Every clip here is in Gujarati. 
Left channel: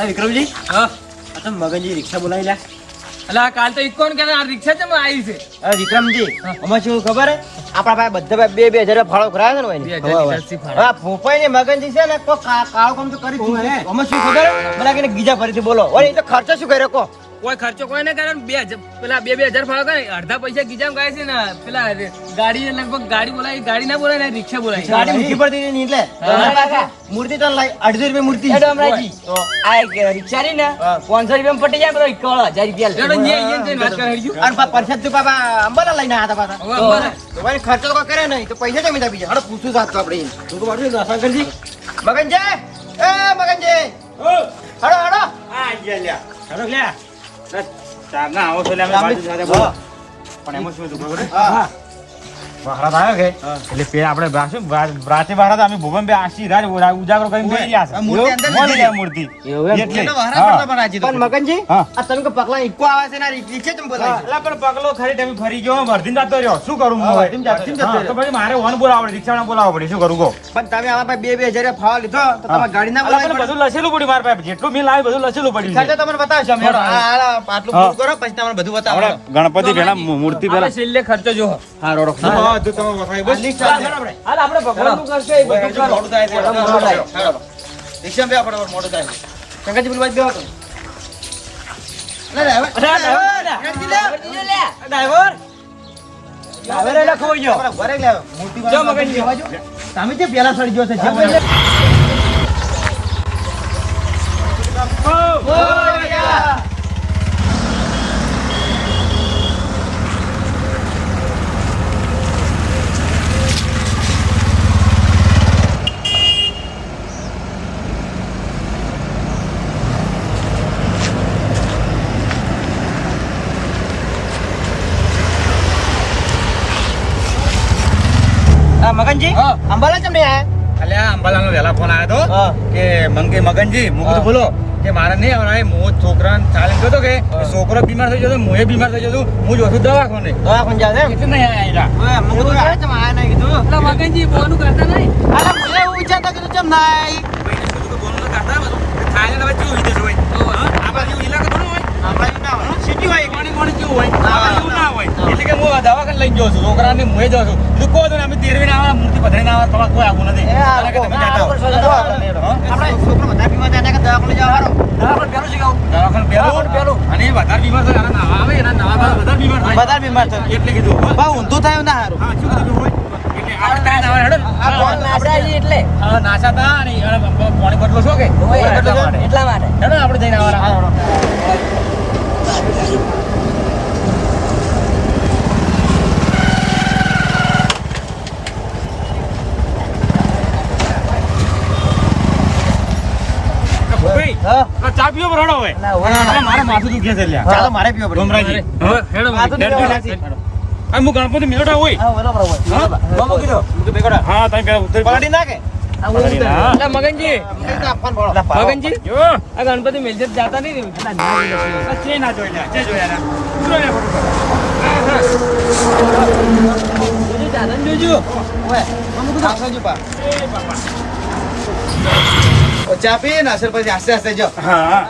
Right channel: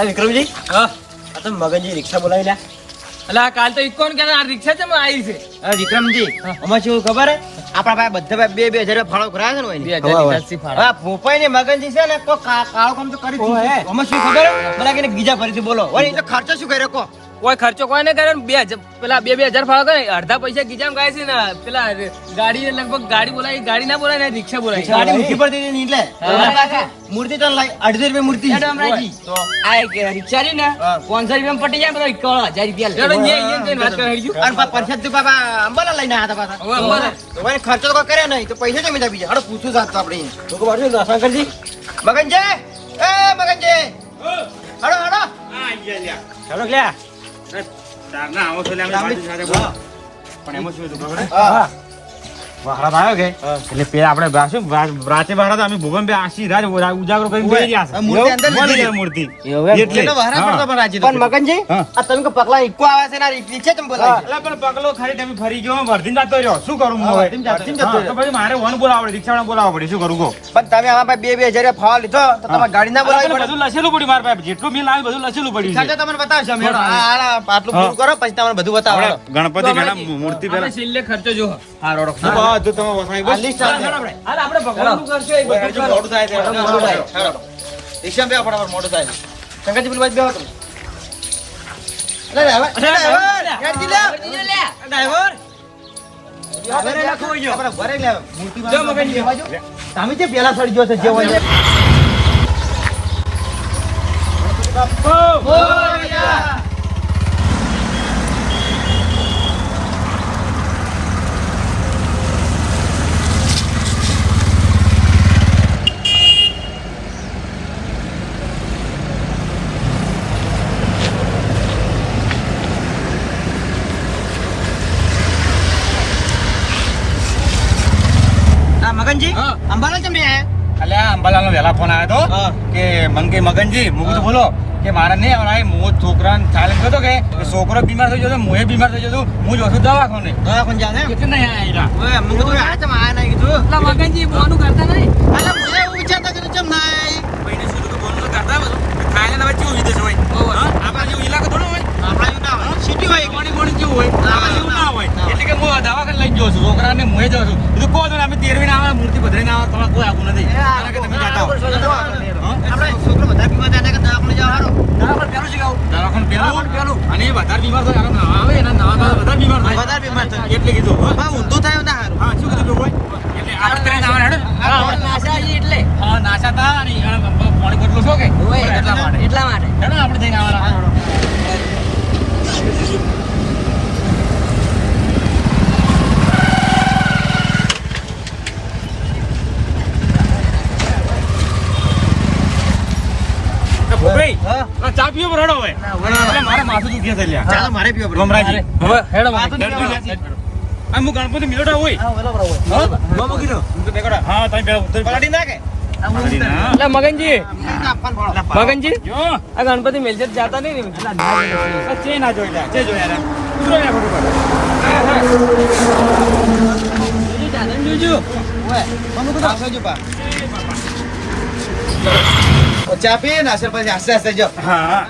અલા વિક્રમજી, હા આ તો મગનજી રિક્ષા બોલાવી લ્યા. એટલે આ કાલ તો ઇકોન કે આ રિક્ષા છે આવી છે અરે વિક્રમજી, આમાં શું ખબર હે? આપણા પાસે બધા 2,000 ફાળો કરાયો છે ને 2000 ની ફાળો. હા ભોપાઈ ને મગનજી છે ને કોઈ કાળો કામ તો કરી જ છે. આમાં શું ખબર હે? મને કે બીજા ફરીથી બોલો. વળી તો ખર્ચો શું કર્યો કો? કોઈ ખર્ચો કોઈ ને કરે ને 2000 પેલા 2000 ફાળો કરે અડધા પૈસા ગીજામ ગાય છે ને પેલા ગાડી લગભગ ગાડી બોલાવી ગાડી ના બોલાય ને રિક્ષા બોલાવી ગાડી ઊંચી પડતી હતી ને એટલે મૂર્તિ તો લાઈ 2.5 રૂપિયા મૂર્તિ તો આ એક રિક્ષા રહી ને 500 રૂપિયા પટી જાય બધો 1000 રૂપિયા એડો ન્યે જઈને વાત કરી હડ્યું અને પરસાદ તું બાબા અંબાલા લઈને આયા હતા પાછા. હવે અંબાલા. તો વળી ખર્ચો તો કોઈ કર્યો નહીં તો પૈસા જમી જા બીજા. હડો પૂછું સાથ તો આપણે તો કો બાજુ શંકરજી મગનજી એ મગનજી હડો હડો હડો લ્યા ચારના આવો છે એટલે આપણે બાજુ સાથે બોલો. પણ એમાં શું હતું ખબર છે? હા વખરાત આવ્યો કે એટલે પેલા આપણે રાતે બહાર હતા અમે ભુવન બે આશી રાત ઉજાગરો કરીને બેસી ગયા છે. આ મૂર્તિ અંદર મળી લીધી. જાય મૂર્તિ એટલે તો વહારા હા. કરતો પણ રાજી તો. પણ મગનજી હા. આ તમે કો પગલા ઈકો આવે છે ને આ રિક્ષા તમે બોલાવી છે. એટલે પણ પગલો ખરી તમે ફરી ગયો વર્ધીને જતો રહ્યો શું કરું હું હવે? વર્ધીને જતો હા, રહ્યો. તો પછી મારે વન બોલાવવા પડે રિક્ષાવાળા બોલાવવા પડે શું કરું કહો? પણ તમે આમાં ભાઈ 2,000 ફાળો લીધો તો તમારે ગાડી ના બોલાવી એટલે પડે. બધું લસેલું પડ્યું મારા પાસે જેટલું બિલ આવે બધું લસેલું પડ્યું ખર્ચો છે. તમને બતાવશો અમે. આટલું પૂરું કરો પછી તમને બધું બતાવો. આપણે ગણપતિ પેલા મૂર્તિ આપણે પેલા છેલ્લે ખર્ચો જો બધું તમે વખાઈ બસ. આ લિસ્ટ આપી દે. હાલ આપણે ભગવાનનું કરશો એ બધું કરો. મોડું થાય છે. મોડું થાય. રિક્ષામાં બેહો ફટાફટ, મોડું થાય. શંકરજી પેલી બાજુ બેહો તમે. અરે ડ્રાઈવર, ડ્રાઈવર. ડ્રાઈવર એટલે ખોઈ ગયો. આપણે ઘરે લાવ્યો. મૂર્તિ જો મગનજી. બેહવા જો. તમે જે પેલા સડી ગયો છે જે હોય. હા મગનજી, હા. અંબાલા ચમ નહીં આયા? અલ્યા અંબાલાલનો વહેલા ફોન આવ્યો હતો હા. કે મંગે મગનજી હું કીધું બોલો કે મારે નહીં આવડાય હું છોકરાને ચાલે ગયો હતો કે છોકરો બીમાર થઈ જતો હું બીમાર થઈ જતો હું જોઉં છું દવાખાને દવાખાને જા દે. એટલે નહીં આયેલા. ઓય, અમે કીધું આ ચમ આયા નહીં કીધું. એટલે મગનજી બોનું કરતા નહીં અલા, હું એવું વિચારતો કીધું ચમ નહીં. સિટી હોય એટલે કે હું દવાખાને લઈ ગયો છું છોકરાને મુએ જાઉં છું કીધું કહો તો ને અમે તેરવીને આવે મૂર્તિ પધરાઈને આવે તમારે કોઈ આવું નથી કારણ કે તમે જાતા હો આપણે છોકરો બધા બીમાર થાય કે દવાખાને જાવ હારો. આપણે પેલું શીખાવું. દવાખાને પેલું અને એ વધારે બીમાર થાય અને નાવા આવે એના નાવા બધા બીમાર થાય બધા બીમાર થાય. એટલે કીધું હો. બહુ ઊંધું થાય ના હારું. હા શું કીધું હોય એટલે આપણે તને નાવા હેડો એટલે હા નાસા તા અને પાણી બદલો છો કે એટલા માટે એટલા માટે હેડો આપણે જઈને આવવાના ભાઈ હા. ચા પીવો બરોડો હવે એટલે મારે માથું દુખે છે લ્યા ચા તો મારે પીવો પડે. ગોમરાજી હેડો આ હું ગણપતિ મેળવતા હોય હા, બરાબર હોય. હા? મામો કીધો. હા તમે પેલા ઉતરી પલાટી નાખે. પલાટી ના. એટલે મગનજી એક આપવાનું પડો. મગનજી જો આ ગણપતિ મેલજત જાતા નહીં ને આ ચે ના જોઈ ચે જોયા ના ઉતરો ને ફટોફટ જોજો જાદન જોજો ઓય, મામો કીધો. આવજો પા. ઓ, ચા પીએ ને અસર પછી આસ્તે આસ્તે જો. હા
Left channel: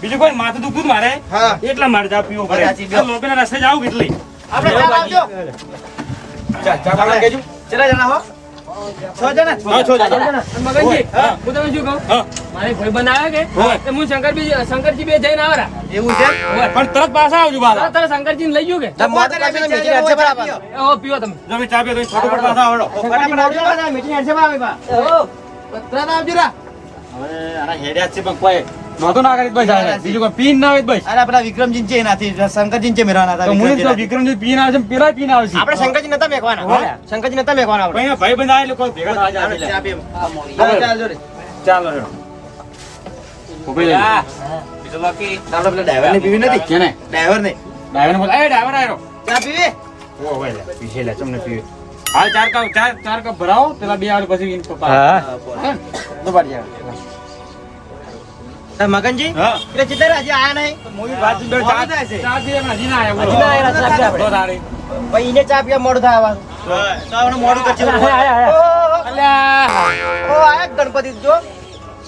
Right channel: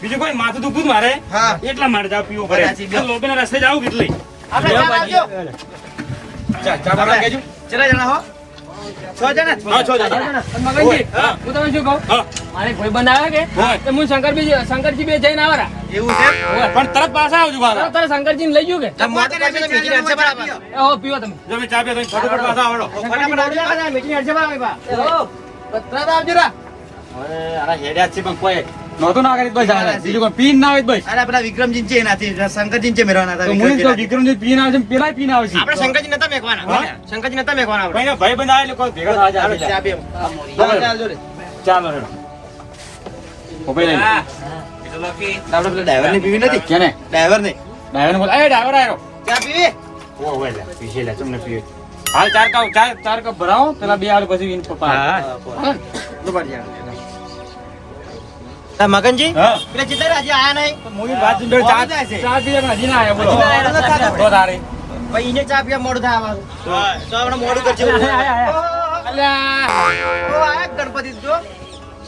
બીજું કોઈ માથું દુખું જ મારે હા. એટલા મારે જાવ પીવો સાચી પડે વાત. લોકોના રસ્તે જાવ કેટલી આપણે ચા લાવજો. ચા આપણે કેજો. કેટલા જણા હો? 6 જણા? હા 6 જણા અને મગનજી હા. હું તમને શું કહું હા મારી કોઈ બનાવે કે હોય. તો હું શંકરજી બે જઈને આવરા એવું છે? પણ તરત પાછા આવજો બાલા તારે શંકરજી લઈ ગયો કે તો મોતે ને પેલી મેચી હેડશે બરાબર. એ હો પીવો તમે જો મેં ચા પીએ તો ફટોફટ પાછા આવડો ફટાફટ આવજો ને, મેચી હેડશે બરાબર બા. તરત આવજો રા. હવે આના હેડ્યા જ છે પણ કોઈ નહોતું ના કરી બસ આવે બીજું કોઈ પીન ના આવે બસ અરે આપણા વિક્રમજી છે એનાથી શંકરજી છે મેરવાના હતા. તો મુનિ તો વિક્રમજી પીન આવે છે પેલા પીન આવે છે આપણે શંકરજી નતા મેકવાના. હા? શંકરજી નતા મેકવાના આપણે. ભાઈ ભાઈ બંધ આવે લોકો ભેગા થવા આપણે જાય ચા પીએ. બરાબર. ચાલ જોડે. ચાલો હેડો ઉભી લઈ આપણે પેલા ડ્રાઈવર ને પીવી નથી. કેને ડ્રાઈવર ને ડ્રાઈવર બોલ એ ડ્રાઈવર આયો ચા પીવી. ઓ હોય લે પીશે લે તમને પીવે હાલ ચાર કપ ભરાવો પેલા બે આલ પછી ઇન પપ્પા દુબાડી જાય. મગનજી હા. પેલા ચિત્તર હજી આયા નહીં. ચા પીએ પણ હજી ના હજી ના આયા, આવ્યો ચા પીએ. વધારે ભાઈ એને ચા પીવા મોડું થાય આવવાનું. તો આપણે મોડું કરશે. અલ્યા ઓ, આ ગણપતિ જો.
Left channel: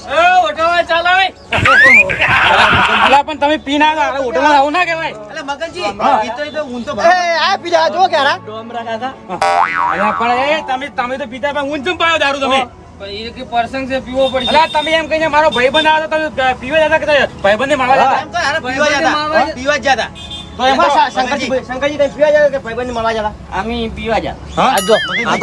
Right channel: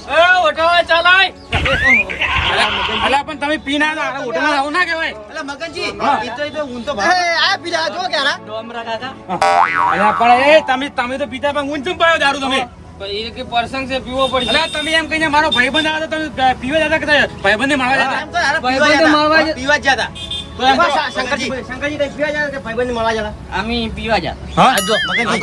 એ ઓટોવા ચાલાય અલા પણ તમે પીને આવ્યા હવે હોટલમાં આવું ના કહેવાય. એટલે મગનજી હા. ઈ તો ઊંઘ તો ભારે. આ પીજા જો ક્યારા ડોમરા કાકા અલા પણ એ તમે તો પીતા પણ ઊંઘ ચમ પાયો દારૂ તમે. પણ એ કે પર્સન છે પીવો પડશે અલા તમે એમ કહીને મારો ભાઈબંધ આવ્યો તો તમે પીવા જતા કે ભાઈબંધને મારવા જતા? એમ તો યાર ભાઈબંધને મારવા જ- પીવા જ જતા. તો એમાં શંકરજી કઈ પીવા જાય કે ભાઈબંધને મળવા જતા? અમે પીવા જા હા? આ જો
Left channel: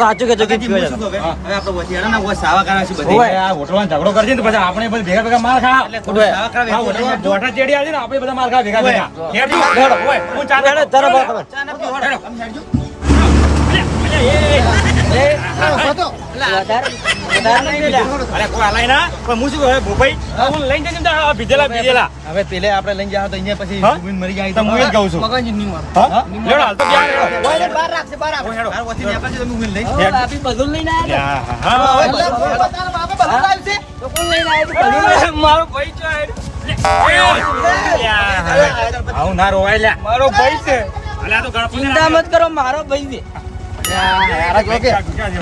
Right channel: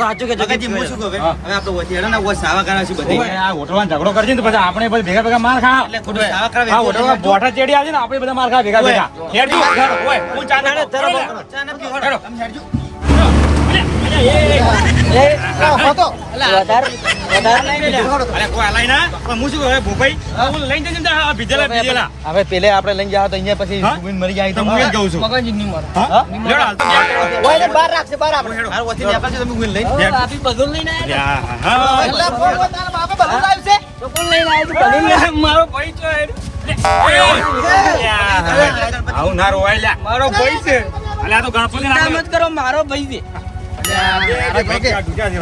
સાચું કે મગનજી હું શું કહું હવે? હા. હવે આપણે વચ્ચે હેડો ને વચ્ચે સાવા કાઢવા છે બધી. ઓય, આ હોટલમાં ઝઘડો કરશે ને તો પછી આપણે પછી ભેગા ભેગા માર ખા. એટલે ખોટું સાવા કાઢવા આ હોટલમાં બોઠા ચેડી આવશે ને આપણે બધા માર ખા ભેગા ભેગા. હેડ જો, હેડ, ઓય, હું ચા દે. ચા ના પીવો, હેડો. આમ હેડજો. અરે કોઈ હલાય ના. પણ હું શું કહું, ભોપાઈ, હું લઈને જઈને આ ભીજેલા. હવે પેલે આપણે લઈને જાવ તો અહીંયા પછી હા? ડૂબીને મરી જાય તો હું એ જ કહું છું. મગનજી નહીં મારો હા? નહીં હેડો, હાલ તો જાય. બહાર રાખશે, બહાર આપણે. હાલ વચ્ચે નીકળશે તમે ઊંઘીને લઈને. ઓ, આપી બધું લઈને આવ્યા યા, હા. એટલે કોઈ તારા બાપે બધું લાવ્યું છે? તો કોણ લઈને આવ્યું બધું? મારો ભાઈ છે આવું ના રોવાય લ્યા. મારો ભાઈ છે અલ્યા આ તો ગણપતિ ચિંતા મત કરો મારો ભાઈ છે યાર, જો કે.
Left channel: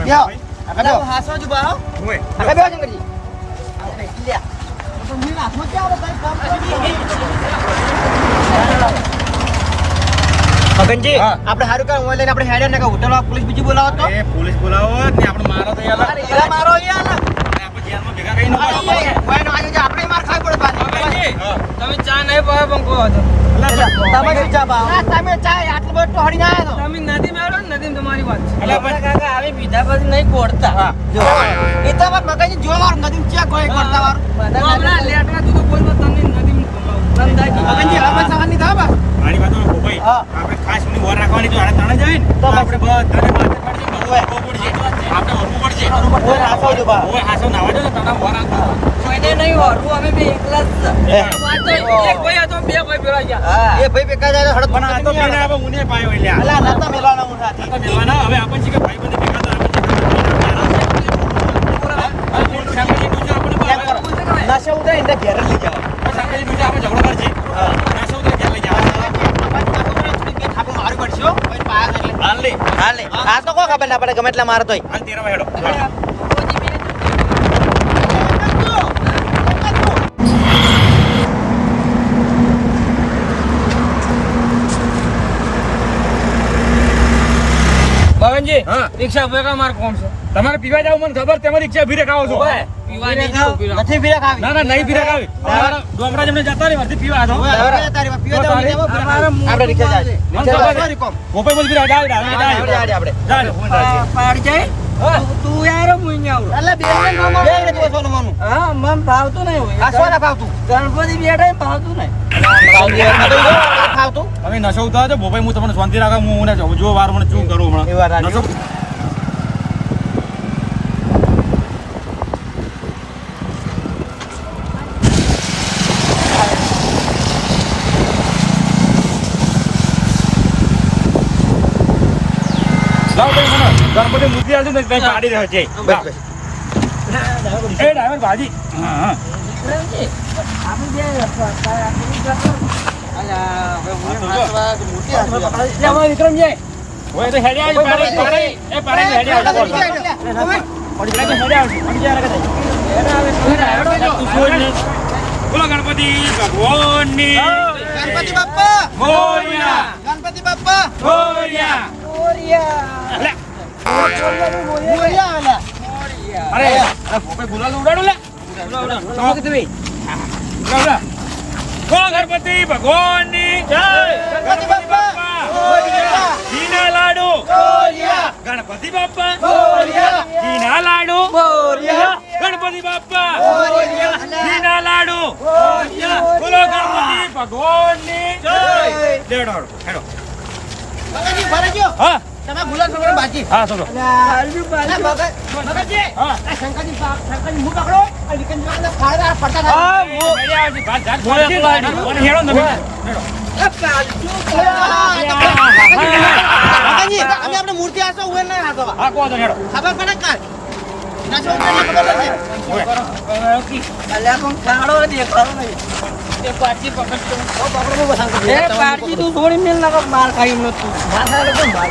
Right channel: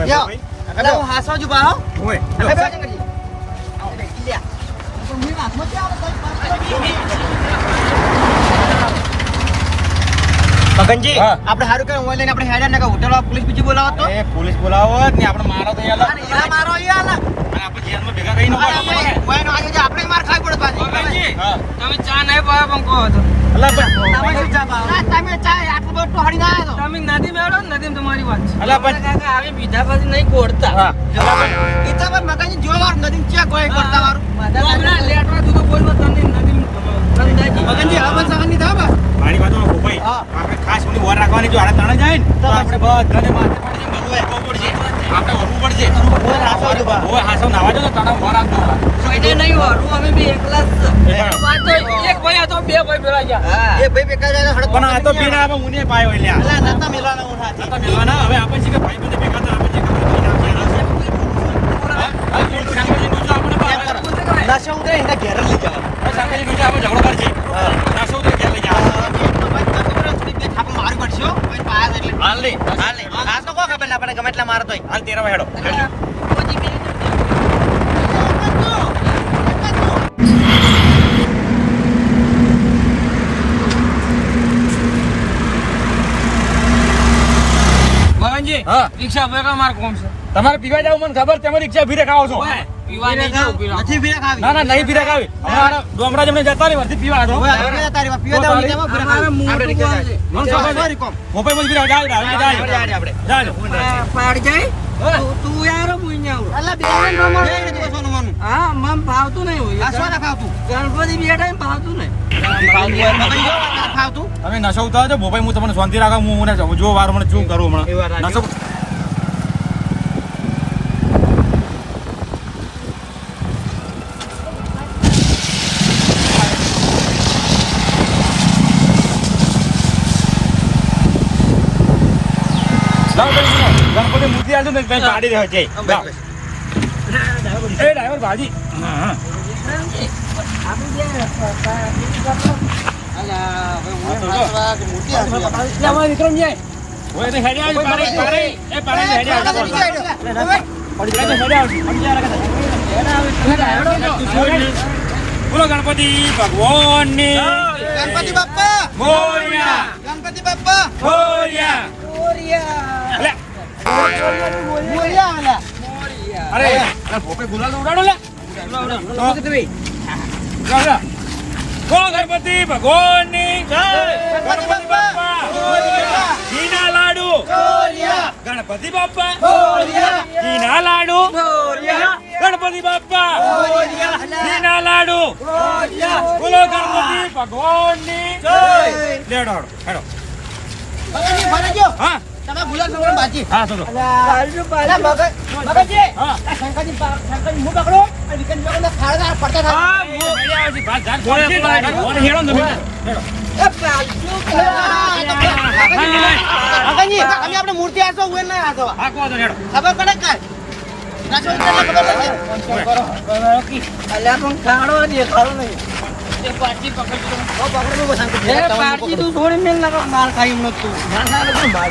યાર, આપણે હું હાસવા જ ઉભા હો. ઓય, આપણે બેસો શંકરજી. આપણે લ્યા. તો મીણ હાથમાં ક્યાં આવે? તારી કામ કરો. મગનજી, હા. આપણે હારું કાંઈ ઓનલાઈન આપણે હેડ્યા ને કાં હોટલમાં પોલીસ બીજી બોલાવો તો? એ પોલીસ બોલાવો ને આપણે મારો તો યાર એલા મારો યાર. આપણે જેલમાં ભેગા કરી નો અરે, ઓયનો આજે જે આપણે માર ખાવી પડે પાછી. મગનજી હા. તમે ચા નહીં પાયો પણ કહો હતો તમે શું ચા પાવો? હા, તમે ચા આટલું બધું ટોહળી ના આવ્યા તો. તમે નથી મેળો ને નથી તમારી વાત છે અલા પણ કાકા આવી બીજા પછી નહીં ગોળતા એ તો પણ મગનજી જો મારું નદીમ ચા કોઈ કરતા વારું. તો હમણાં લેટમાં કીધું કોઈ તમને નથી મગનજી હવામાન સહાની થાય બા. આની બાજુ ભાઈ હા. આપણે ખાસ થોડી વાર રાખવાની જો આડા તણે જાય ને તો આપણે બધાને માથે પડશે આપણે વરવું પડશે ઓય હાસવા જ ઉભા. ઓય હાસો નાવા દો તો તણા વાર રાખજો કોઈને નહીં વારું અમે બે એકલા જ છે. વાત તો એક ભાઈ હતો બે ભાઈ ભેળા ગયા હા એ ભાઈ બેકા જાય હડક પણ આ તો પીને આવે ઊને પાયો એટલે અલા નાતા મેલાના હું સાથે. આ તો મેલવાના હવે આપણે શીખે ભાઈ બંધ ભેગા હતા નશા ઉતરે એને ઘેર લઈ જવાય. આપણે ઝઘડો કરશે નાસો તો ઘેર લઈ જાવ આપણે મારું પડશે હો. હવે પાયા છે એટલે. હાલ લે હાલ લે. આ તો કોઈ ખબર ના પડે ગમે એટલે મારે તોય. હાલ તેરા હેડો મગનજી હા. રિક્ષા ભેગા માર કોણ છે તમારે પીવા જાવ મને ખબર તમે રિક્ષા ભીરે ખાઓ છો પીવા નહીં જાવ પીવા નથી પીરા ખાવી. ના ના નહીં પીરે ખાવી અમારા ડોમરા જમને જતા રહી વર્તી પીવા હતો હવે હવે તારી વાત પીવા જાવ નહીં જાવ પીરા ખાવી. આપણે રિક્ષા જાય. મને ખબર છે. મોબાઈલ માં પીવા જાવ આપણે. પાડ જાય તું યાર હું નહીં આવું અલા બીજા ને બે ને સોનું માનું. હા મન ભાવતું નહીં હોય આ સોના ખાવતું. ગણપતિ બેઠા ને ભાવતું નહીં ખાવતું. તમે નશો ઉતારો છો મોબાઈલ હું તમને શાંતિ રાખો હું મને જો વાર મને શું કરું એ વાત હમણાં સાચી. નશો લાવ ભાઈ મને ગણપતિ મૂર્તિ આવજો ને ત્યાં પાડી રહ્યો છે લાવ. એ ડ્રાઈવર ભાજી હા હા અલા હવે હું હાથવા કે મોટી હાથવા. જવા વિક્રમ જાય ઓય તો હેડે આવી પાડી એ પાડી હેડે આવજો પડી જાય હેડે આવજો પડી જાય બોલો ગણપતિ ભગવાનની ગણપતિ બાપ્પા મોરયા ગણપતિ બાપ્પા મોરયા લે મોરિયા આલા. અરે ભોપે ગુલાલ ઉડાડો લે ઉડાડો તું ઉડાડો બોલો ગણપતિ ભગવાનની જય ગણપતિ બાપ્પા મોરયા ઘીના લાડુ મોરિયા ગણપતિ બાપ્પા મોરિયા ઘીના લાડુ મોરિયા ગણપતિ બાપ્પા મોરિયા ઘીના લાડુ મોરિયા. બોલો ગણપતિ ભગવાનની જય લેડો હેડો મગનજી ફરી ગયો. હા તમે ગુલાબ છોકરો બાજી. હા ચલો અલા મગનજી હા આ શંકરજી હું પકડો આ વિકન જોડે ફાળા પડતા થાય. મગનજી અમે આપણે મૂર્તિ આસો હું ના આસો ખબર પડે કાલ અલ્યા પણ ખાડો દેખાડો નહીં. એ પાછી પકડજો. એ પારજી તું છોડી મેલ ના માર ખાઈ હમણાં તું.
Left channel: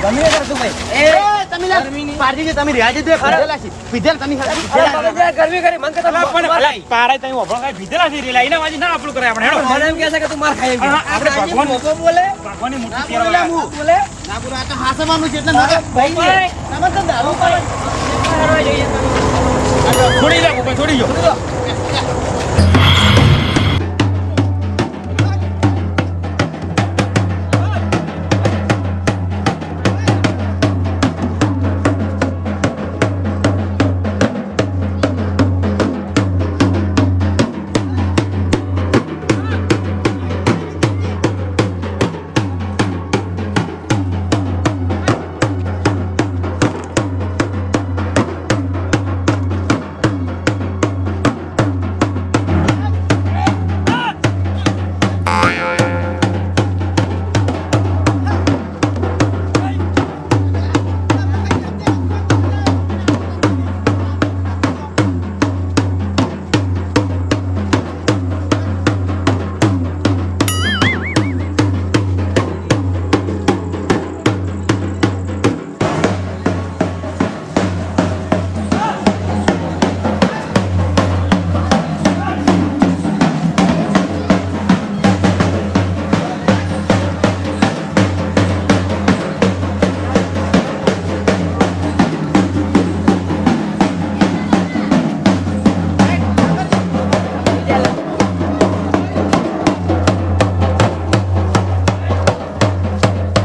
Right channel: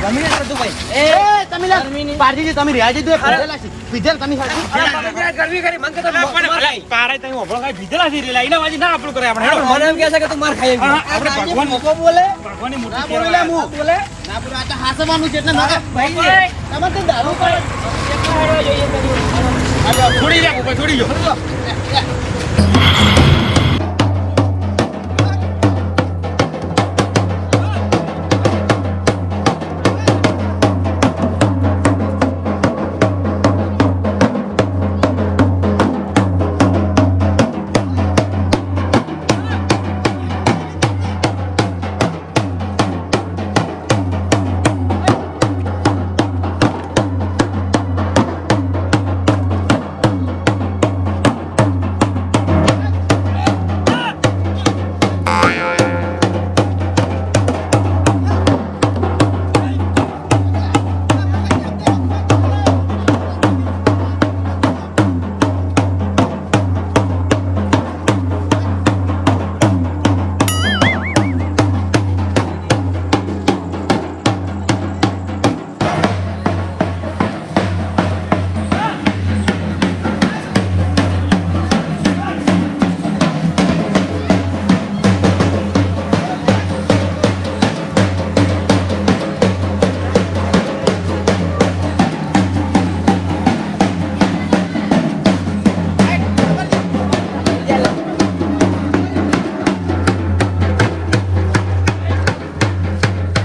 ગમી કરે તું ભાઈ એ તમે પારજી તમે રહ્યા છે તે પીધેલા છે પીધેલ તમે ગરમી કરી મન કરતા કારે તઈ ઓભળો કાઈ ભીધેલા છે રેલા એના વાજી ના આપણું કરે આપણે હેડો મને એમ કહે છે કે તું માર ખાઈ આપણે ભગવાન મોકો બોલે ભગવાનની મૂર્તિ ના કેરવા બોલે ના બોલો આ તો હાસવાનું છે એટલે ના ભાઈ આમાં તો દારૂ પડે જઈએ છોડી દે ઉપર છોડી જો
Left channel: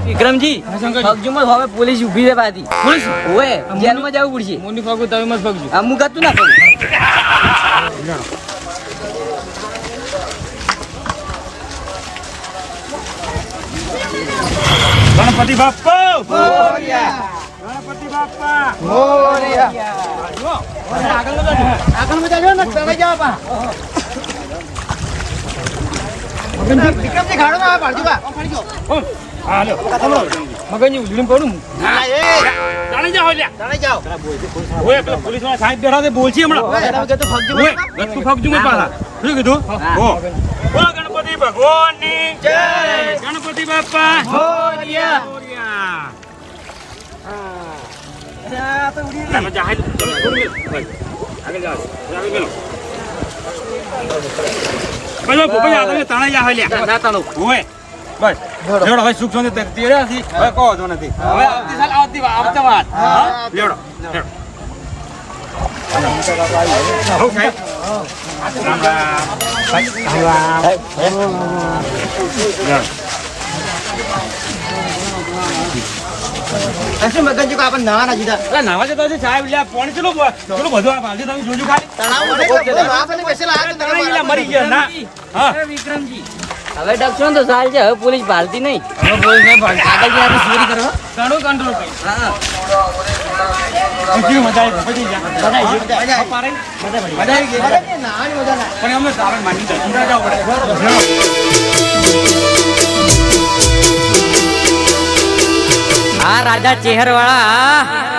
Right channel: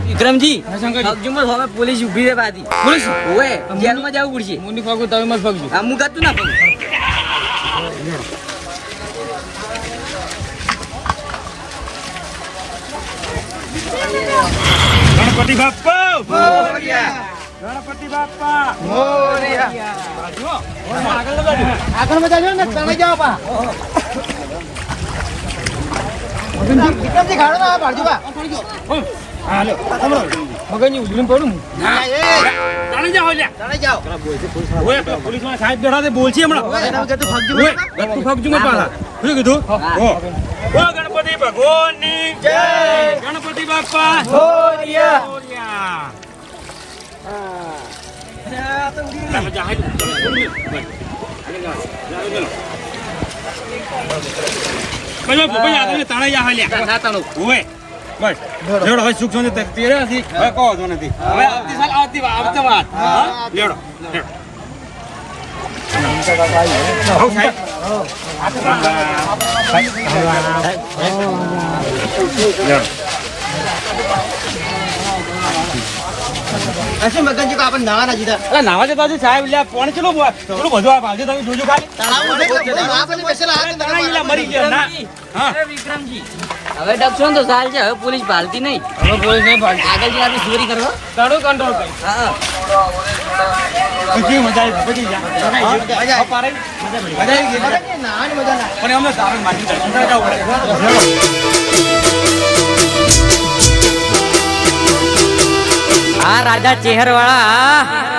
વિક્રમજી ફગજુમાં હવે પોલીસ ઊભી છે પાછી પોલીસ ઓએ જેલમાં જવું પડશે મુંડી ફગુ તમે મત ફગજો. આ હું ગતું ના ફગું ગણપતિ બાપ્પા મોરિયા ગણપતિ બાપ્પા મોરિયા જો આગળ લગાડજો આગળ બતાજો ને ચડી જાઓ પા વિક્રમજી ખાડો ના પાડજો બા હાલો મગનજી ઉડલીને પડું. ના એ તાણી જાઓ લ્યા ચડી જાઓ ઓય પેલા પોલીસ વાળા સાહેબ બેઠા છે બોલছি હમણાં ઓય તો ફગજો ઓય ગત્તુ ફગજુ મત પાછા શું કીધું ઓ ગણપતિ ભગવાનની જય ગણપતિ બાપ્પા મોરિયા મોરયા હવે સુખ શાંતિ તેડ્યા છીએ. હવે કહો છો નથી હવે આવતી સાલ આવતી વાત હા? લેવડો લેવડો. હો સાહેબ રામ રામ. લેવડો. અસી મગનજી કો આપણ નાવા ના જીધા અલા નાવા જતા હજી સાહેબ લ્યા પાણી ચલો ચલો બધું આ ભાલજો તમે જોજો ખાલી તળાવ મને રાત અને બેસેલા આ તાણા ઈલા મરી ગયા ના હા વિક્રમજી હવે ડકશો ને તો સાલ છે હવે પોલીસ ભાલતી નહીં હવે પોલીસ નહીં ભાગતી. આગળ જઈને આપણે ચોરી કરવા તારું કંટ્રોલ કરી. હા કેવી મજા આવી ભૂપતજી જા મજા આવી. પારે મજા આવી ગઈ મગનજી નાવાની મજા ના પણ અમને સારણ માંગી દર્શન કરવા જવું પડે આ રાજા ચેહરવાળા